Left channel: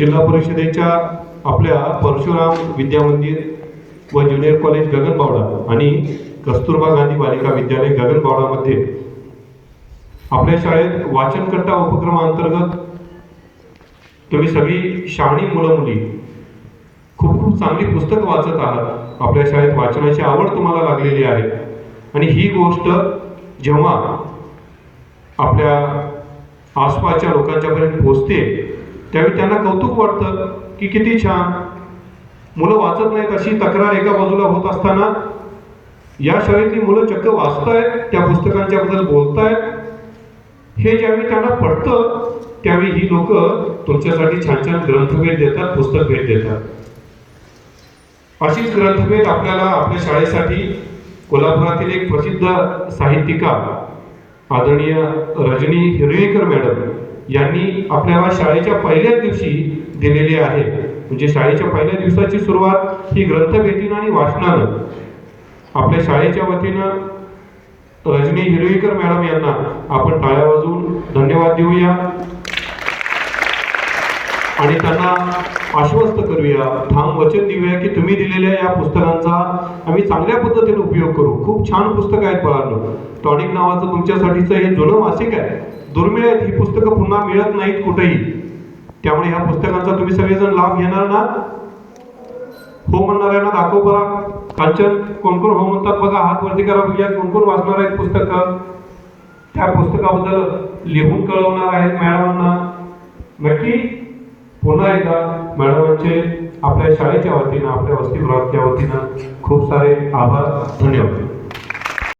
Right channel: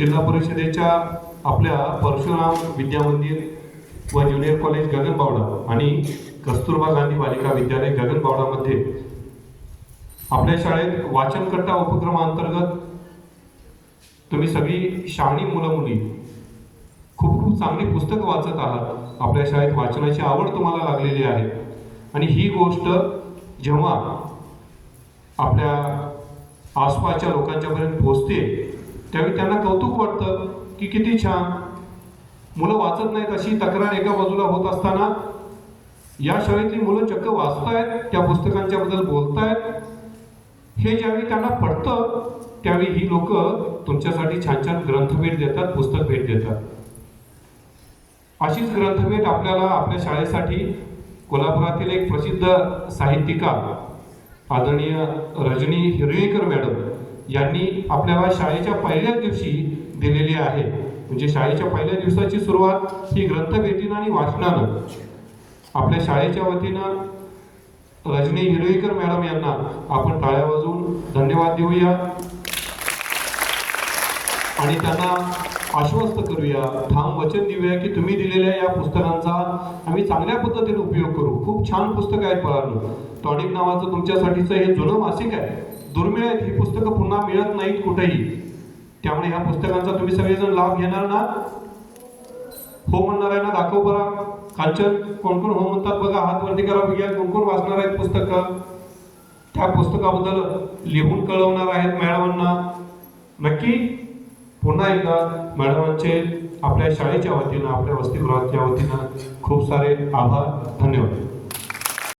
जिल्हा परिषदेच्या आपल्या परशुराम विद्या मंदिर व ज्युनियर कॉलेज गगनबावडा आणि कस्तुरबा गांधी बालिका विद्यालय गगनबावडामध्ये आपल्या शाळेत वाचनकट्टा उपक्रमांतर्गत तुम्ही सगळी शहाणी मुलं मुली खूप खूप चांगली पुस्तकं वाचत आहात। आपल्या शाळेत वाचनाची आवड तुम्हाला लागलेली आहे आणि ही गोष्ट जेव्हा आपल्या आसपासच्या लोकांच्यापर्यंत पोहोचते त्यावेळी त्यांना कौतुक वाटतं की किती छान मुलं वाचत नाहीत अशी तक्रार एका बाजूला होत असताना या शाळेतली मुलं चक्क वाचतायत, त्या पुस्तकांच्या बद्दल बोलतायत, हे ज्यावेळी त्यांना पडतं त्यावेळी ही लोक तुमच्यासाठी छान छान ग्रंथभेट देतात, पुस्तक भेट देतात। अशीच ग्रंथभेट आपल्याला आपल्या शाळेसाठी कोल्हापुरातील एक प्रसिद्ध साहित्यिका आदरणीय रजनी हिरवेकर मॅडम यांनी आपल्याला शाळेच्या पहिल्याच दिवशी दिलेली आहे। म्हणजे शाळेच्या पहिल्या दिवसाची सुरुवात ही ग्रंथभेटीनं आणि वाचनानं। आपल्या शाळेच्या वतीनं रजनी हिरवेकर मॅडम यांना आपण टाळ्या वाजवून धन्यवाद देऊया आणि त्यांना आश्वस्त करूया, ठाम वचन देऊया की तुम्ही दिलेल्या या पुस्तकांचा आम्ही चांगल्या पद्धतीने उपयोग करू। खूप छान पुस्तकं आहेत बाळांनो। टॉनिक नावाचं तुमच्यासाठीचं हे जुनं मासिक आहे, दुर्मिळ आहेत, ही पुस्तकं पुन्हा मिळत नाहीत कुठेही। त्यामुळे ह्या पुस्तकांचा तुम्ही सगळेजण लाभ घेणार ना? हो म्हणणाऱ्यांना दाखव बरा। कांचन, कोण कोण हो म्हणतात बघा, हात वरती करा बघूया कोण कोण वाचणार आहेत पुस्तकं, त्या पुस्तकाबद्दल लिहून कळवणार आहेत मॅडमांना। नक्की पुन्हा एकदा मॅडमांचे आपल्या शाळेच्या वतीनं, आपल्या वसतिगृहाच्या वतीनं खूप सारे आभार, धन्यवाद।